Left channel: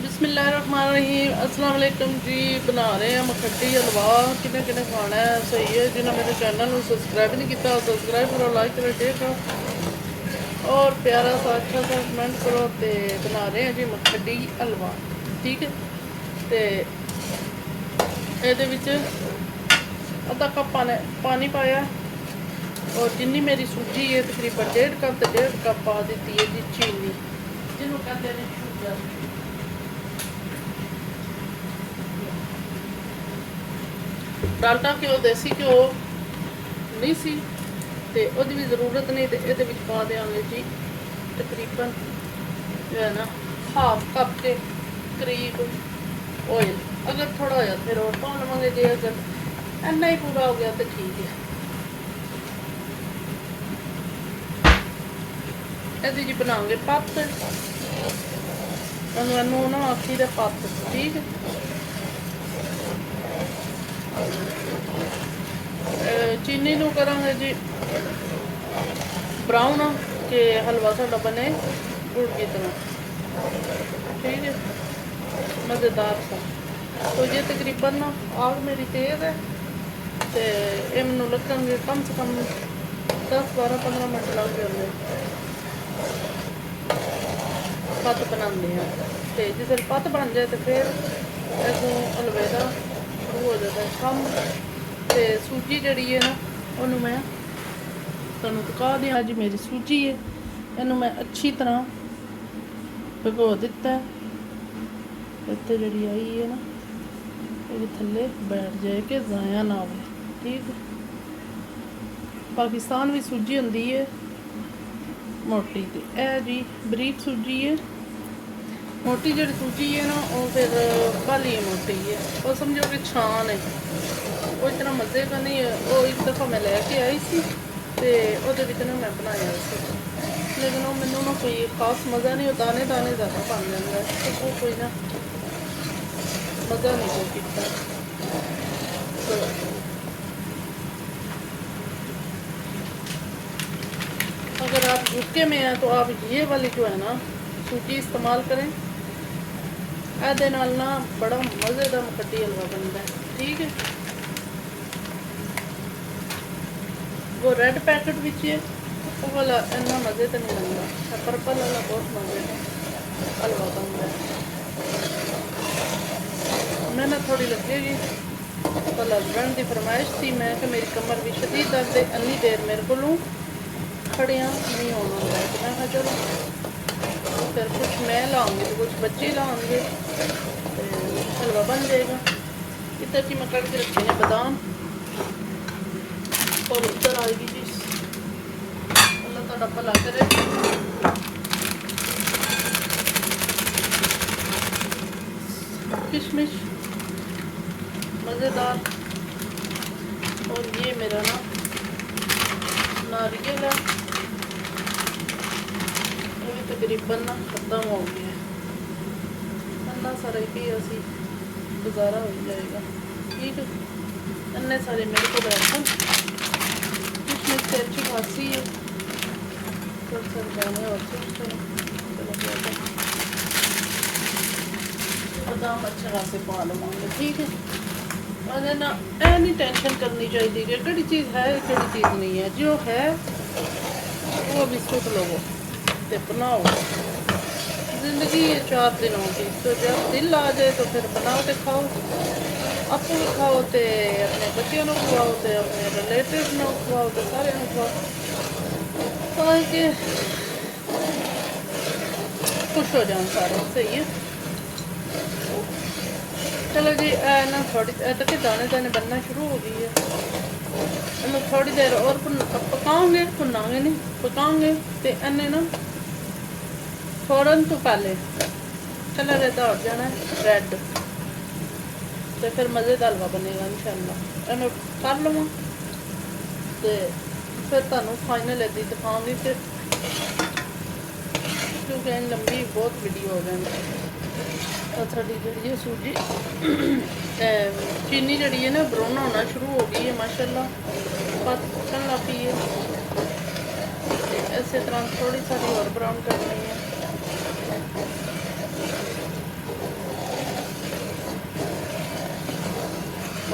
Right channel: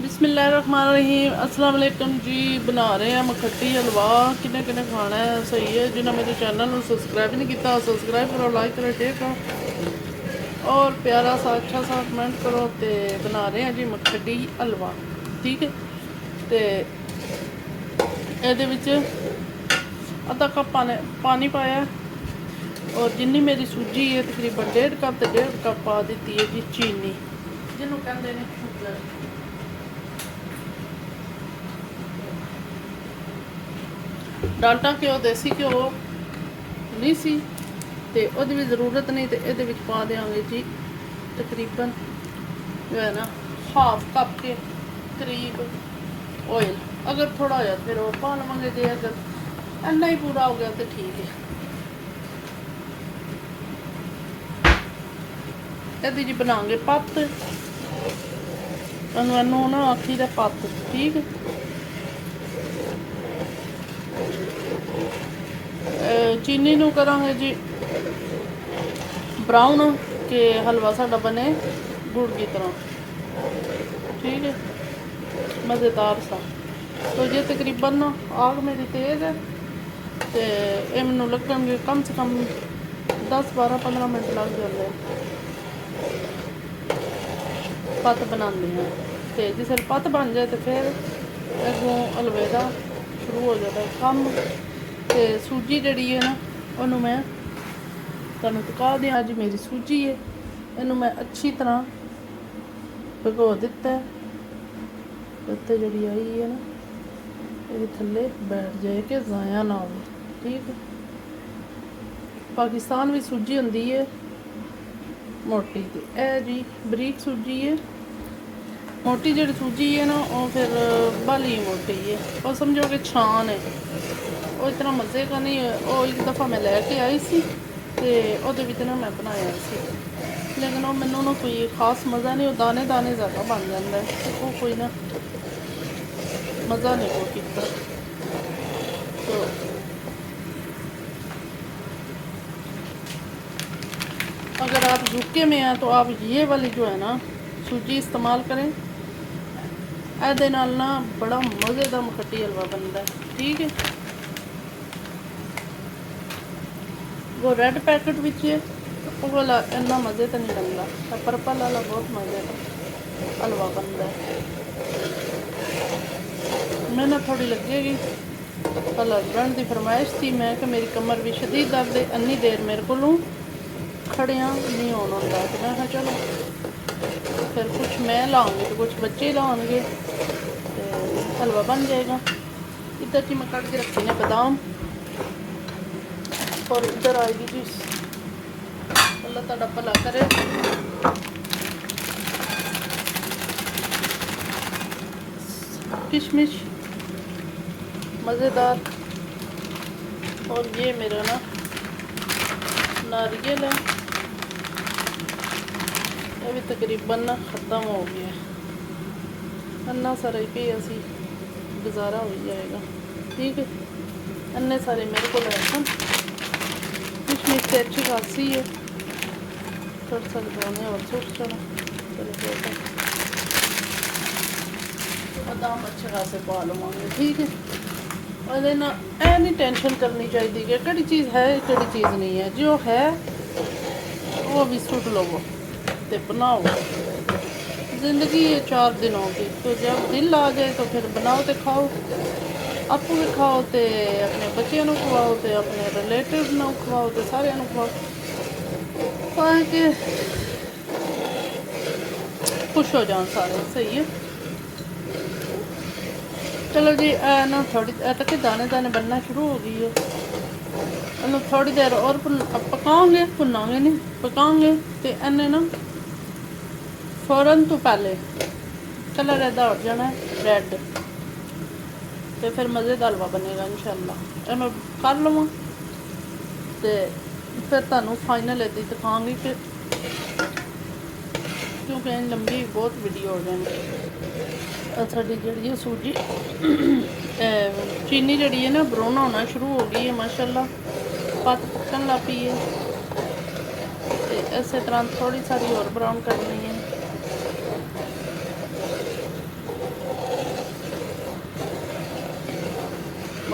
बिस्मिल्लाहिर्रहमानिर्रहीम अस्सलाम वालेकुम जी। बना रहे हैं मखट्टी हलवा। किन्ने किन्ने खाना है सही है। जिन्हें मेरे चैनल को सब्सक्राइब नहीं किया सब्सक्राइब करो, लाइक करो, शेयर करो और प्यारा सा अच्छा सा कमेंट करो। तो बना रहे हैं जी मखट्टी हलवा। ठीक है, तो ये अद्धा कप पानी पाया और जिन्नी मेरी सूजी है तकरीबन 1.5 कप पा दी है जी चीनी, जिन्होंने कहते हैं शुगर। डालडा घ्यो देसी घ्यो नहीं सी ते ओहदी भी जरूरत नहीं। तो ये पा देंगे जी तकरीबन जो है ना हाफ कप के करीब ऑयल। अगर थोड़ा हो फिर वो पा लवेंगे जी। अगर इन्ना ही पूरा हो गया तो ठीक है। ये जी बनाएंगे पत्त, इनू ना आखी का पत्त। ठीक है, चीनी नू करांगे जी ब्राउन के हलवा साडा बने गुड़ की तरह। ठीक है, मज़ेदार सा। तो ये तकरीबन आग मेरी तेज़ है तो ये मैनू लगेंगे कम से कम 10-12-15 मिनट लग जाते पत्त बनाने हैं। तो जिस पत्त बन जाए तो फिर अगों हलवे का शुरू हो जाता है कम। तो सूजी जड़ी है ना उन्होंने मैं तुहानू दिखा दिया। अज मेरी सूजी है, इनू मैं अच्छी तरह भिगो दिता है। इतने जड़ी आई है ना ये थले बैठ जाए कि ज़ाया ना हो। ठीक है, पाकिस्तान भी सूजी होंदी है मोटी, तो यह जी बरीक सूजी है। मोटी जी सूजी है ना वो फिर बाली मोटी है, और समझो कि छान है वो इतना मज़े का नहीं है। वो एक दफ़ा मैं लैके आई सी तो ना मैं बनाया सी, लेकिन वो मैनू ना कोई खास मज़ा नहीं। दाने दाने ज़्यादा बन जाता है तो वो कोई ना मज़ा नहीं कोई किता। तो अगर आप झुके में हैं तो आप ये वाली जो है ना सूजी इस्तेमाल करें। ਇਹਦੇ ਨਾਲ ना बड़ा मज़े का मखट्टी हलवा बनता है। ठीक है, वो रेड पैकेट विच है वो वाला इन्ना मज़े तो नहीं बनता, पर्पल वाला बहुत मज़े हलवा बनता है। मैं ना थोड़ी लगेगी कल हसबैंड की फरमाइश थी, मैं कि मेरी कमर भी शदीद दर्द है, अन्नी देर मेरे को खड़िया नहीं होना होता। तो मैं कहा चलो फिर कुछ मैं लाऊंगी तो कुछ बच्चे लाऊंगे तो हलवा बन जाएगा। इधर की मैं कट के रखी है बादाम और इधर आएगी जी अल्लाह ताला भला करे किशमिश मज़ेदार। और ये मेरा ना नारियल है, अभी तकरीबन ना ख़त्म हो गया है। अन्ना सारे भी असी गुजारा हो जाएगा। ठीक है, अन्ने सारे मेरे को बैठन किशमिश से अच्छी खासी है। थोड़ा सा जाने और चलो बादाम अच्छे खासे पा लवांगे। ठीक है, और ना ए नहीं टेंशन करनी चाहिए कि कड़ी चीज़ है कड़ी चीज़ नहीं है। जो है वो भी सुट लवो तो बनाओ। ज़िंदगी है 4 दिनों की, तो जब दिल आ जाए तो फिर बनाओ तो खाओ। आप भी खाओ तो अपने बच्चों को खवाओ तो अपने रिलेटिव को खवाओ तो सारे खवाओ ताकि खुश हो जाओ सारे। सही है, चलो जी ना थोड़ी तक दाने दाने बनना शुरू हो गई है। इन्हें थोड़ी देर और पकाओगे, भुनांगे नहीं पकाओगे तो इन्हें ना फौरन तो पहले कलर इदा हो जाना रेड, तो फिर मज़े का हलवा बनेगा इंशाल्लाह। मैं कर लवां तो फिर तुहानू फाइनल इदा दिखाऊंगी कि क्योंकि लंबी बहुत वीडियो हो जाएगी। साड़ी जी सूजी चीनी जी है ना ब्राउन होना शुरू हो गई है माशाल्लाह, पकन लग पी है। इस तरह थोड़ी सारी और ब्राउन करनी है।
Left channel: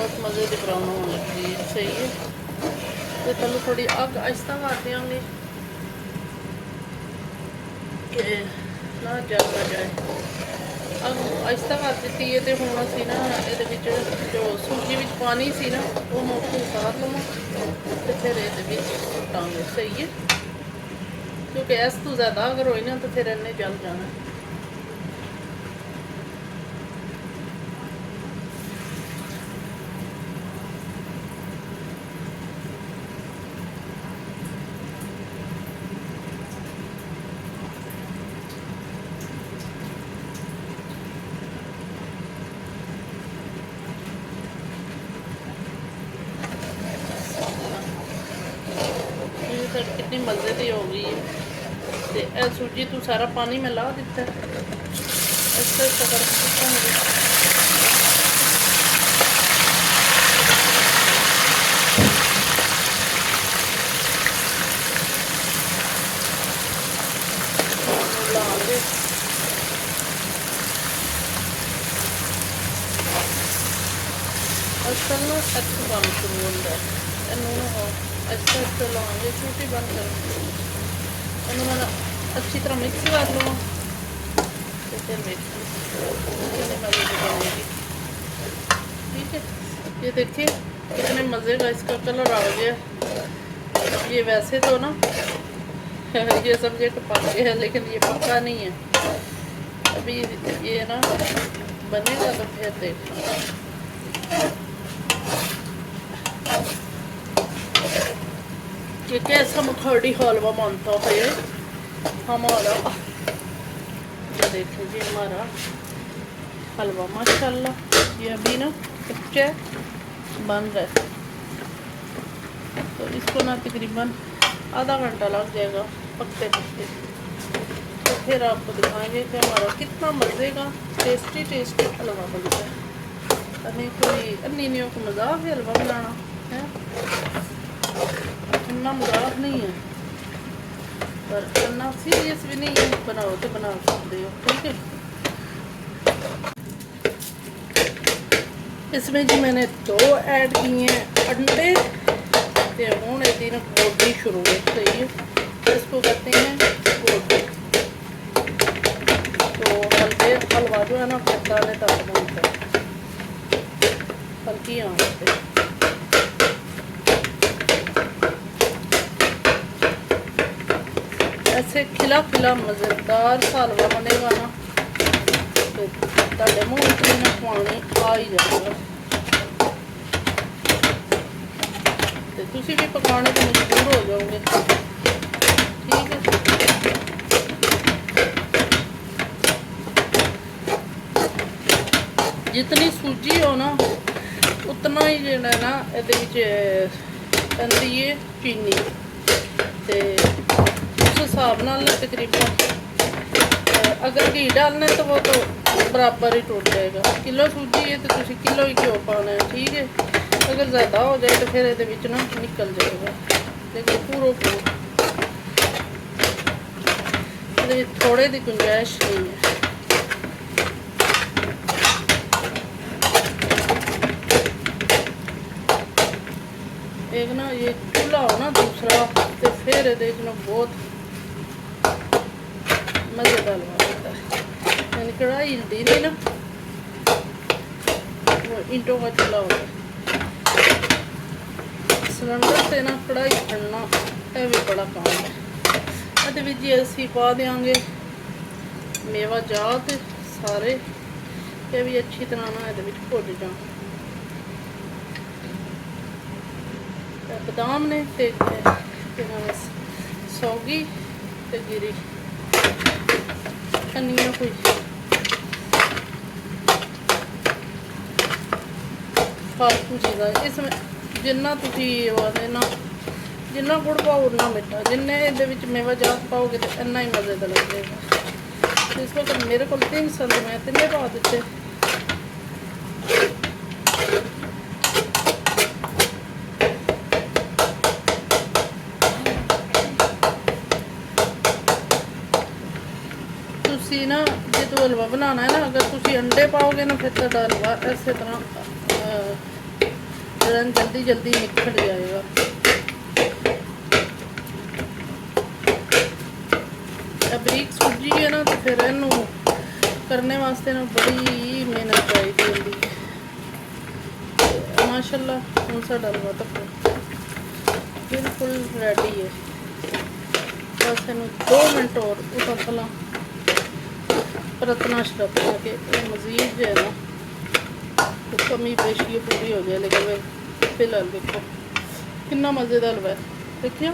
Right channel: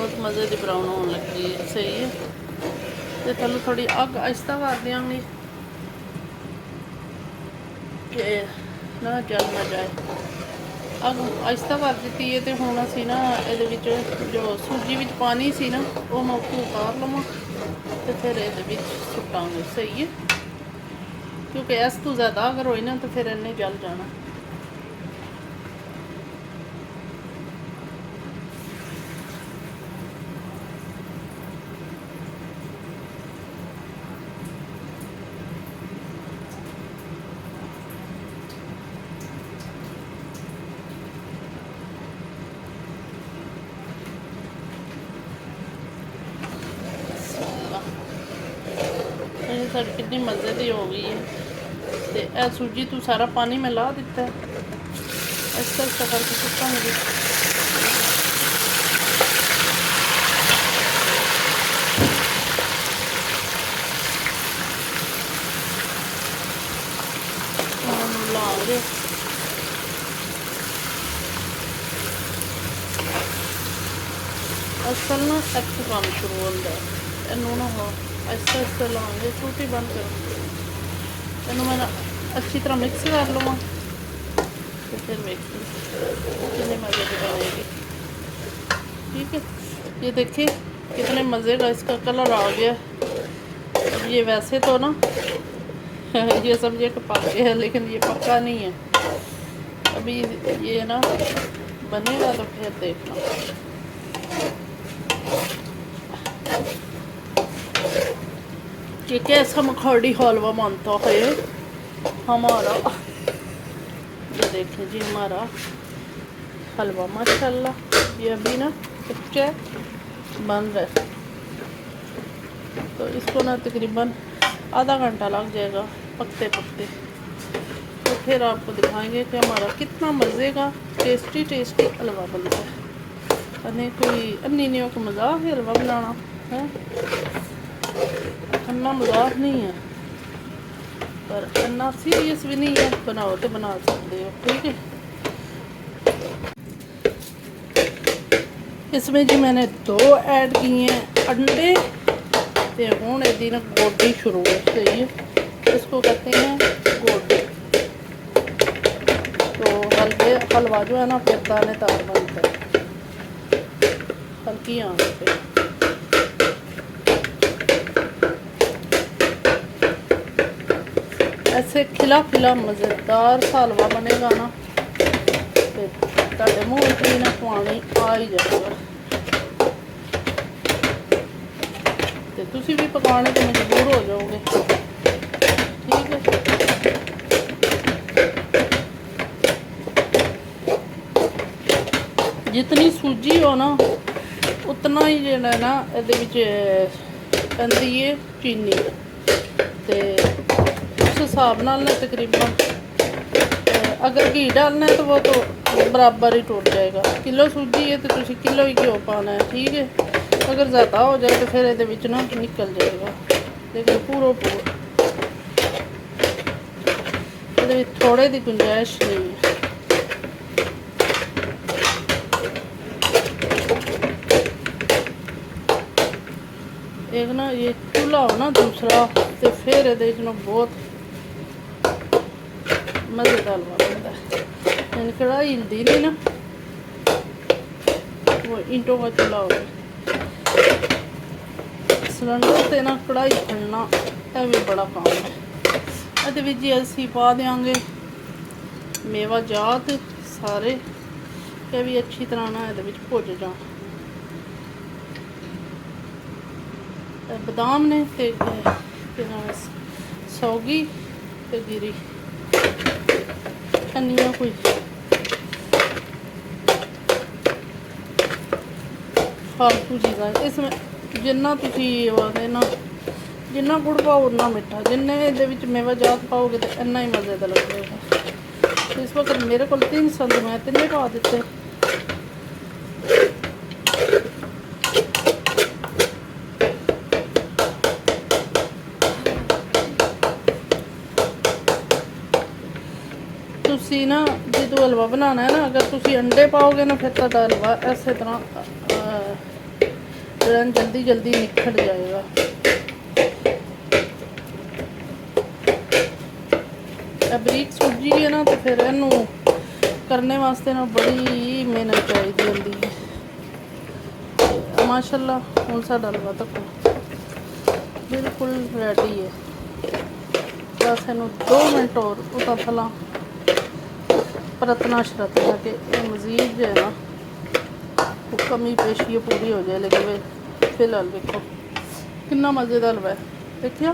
बस मज़े की ब्राउन होने लगी है, सही है। तो पहले थोड़ी अग आहिस्ता कर देंगे कि ना जल ना जाए। अग आहिस्ता कर दी है। तो हुण असीं ना ये जो सूजी विच पानी सी ना वो मैं उत्थों उतार लवां तो फिर ये सुटांगे, सही है। क्योंकि इस तो ज़्यादा अगर होई ना तो फिर इन्हें जल जाना। ये साड़ी कितनी मज़े की हो गई है। तो यह सूजी तू सारा पानी मैं ला दिता है, इसका इस करके सुटांगे। लागे आजकल ना एक्स बन शुरू होता है। इनू हो ऐसे ऐसे लागे छोटी बन के इन मैं अच्छी तरह मिक्स कर लवा तो फिर कितने मज़े की बनेगी। ठीक है, ये देखिए कितने मज़े का इसका कलर आ गया। ये वैसे तो ना ये समझे कि पक गया है, लेकिन ये पक्का नहीं है अभी। ये ना बनेगा तो फिर देखना। ये कैसा मखाड़ी हलवा मानता है हमारा। ये देखें जी हमारा हलवा माशाल्लाह ये अभी ना कच्चा बन रहा है। तो इसको ना तकरीबन आधा घंटा लग जाएगा पकते पकते। तो फिर आपको दिखाएंगे कि हमारा कितना मज़े का टेस्टी टेस्टी हलवा बनता है। अने कोई अन्नी नहीं को मजाक है हलवा बनाना है, अन्ना मजाक नहीं है पर अन्ना सीरियस भी नहीं है। बनाओ तो बना सकते हो, ठीक है। इसमें जी मैंने 2 ऐड किए हैं अंडे। तो हूँ यदि ना गोडी शुरू है, सही है। इसको कहते हैं गोडी। तो हलवा जो है ना फिर दाने तक बनता है हल्की आंच पे। ऐसे खिला खिला मज़ेदार सा हलवा बनेगा ना तो तुहाडे मूँह विच भी ना पानी आ ही जाएगा। तो तुसी भी पकाने तो मजबूर हो जाओगे, ठीक है। जितनी सूजी हो ना उतना ही जो है ना ये पैंदी है चीनी। तो उस हिसाब नाल ना तकरीबन अगर घी डालना है तो वो तो बराबर ही टूट जाएगा। किलो सूजी है तो तुसी किलो ही घ्यो पाना है, ठीक है। अगर ज़्यादा हो जाए तो फिर ये ना निकल जाएगा। देखो पूरा ये थोड़े की गुंजाइश नहीं है। एक ना ये चूल्हा हो ना दूसरा तो फिर ये बहुत मज़ेदार हलवा बनता है। यानी कढ़ाई हिलती नहीं ना, वो ईंटों का चूल्हा हो गया। सिलेंडर से ना कढ़ाई खड़ना ये भी बड़ा काम है। ये जी असी पा देंगे मेवा जात सारे, ये भी अच्छी तरह ना ये भुज जाओ। बादाम ने ते सौगी ते गिरी धनिया कोई फालतू चीज़ा। इसमें जिन्ना तुसी ना जिन्ना गुड़ पाओ उन्ना मिठा, जिन्ने ये मेवा जात पाओगे तो इन्ना ही मज़े का लगेगा। तो इस वक्त मेरे को 3 संद मैं 3 पा दिते। तुसी ना जो हलवा बनाना है ना, अगर तुसी अंडे पाओगे ना फिर तो हलवा इस तरह जल्दी जल्दी निकल जाएगा। बरीक सूजी है ना, तो फिर इनू करने वास्ते ना बड़ी मेहनत चाहिए होती है। माशाल्लाह हुण साडा हलवा तक बिल्कुल रेडी है। बस इनू 2 मिनट और उता थला परतना शरतना के मज़ीद जो है ना वो कमी पेशी पूरी हो जाए। लेकिन फिलहाल देखो कितना मज़ेदार हलवा है, देखिए।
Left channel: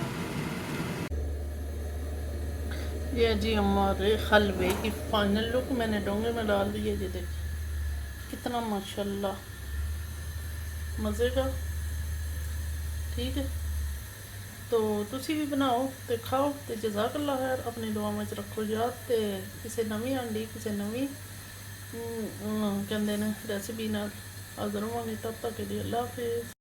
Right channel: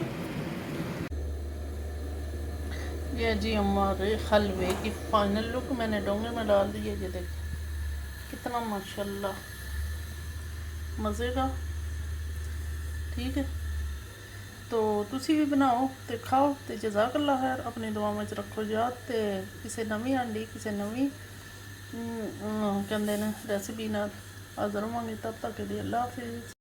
ये जी हमारे हलवे की फाइनल लुक मैंने डोंगे में डाल दिए। ये देखिए कितना माशाल्लाह मज़े का। ठीक है, तो तुसी भी बनाओ तो खाओ तो जज़ाकल्लाह खैर। अपनी दुआ में रखो याद। तो किसी नवी आंडी किसी नवी कहते हैं रेसिपी नाल हाज़र होवांगे। तब तक के लिए अल्लाह हाफिज़।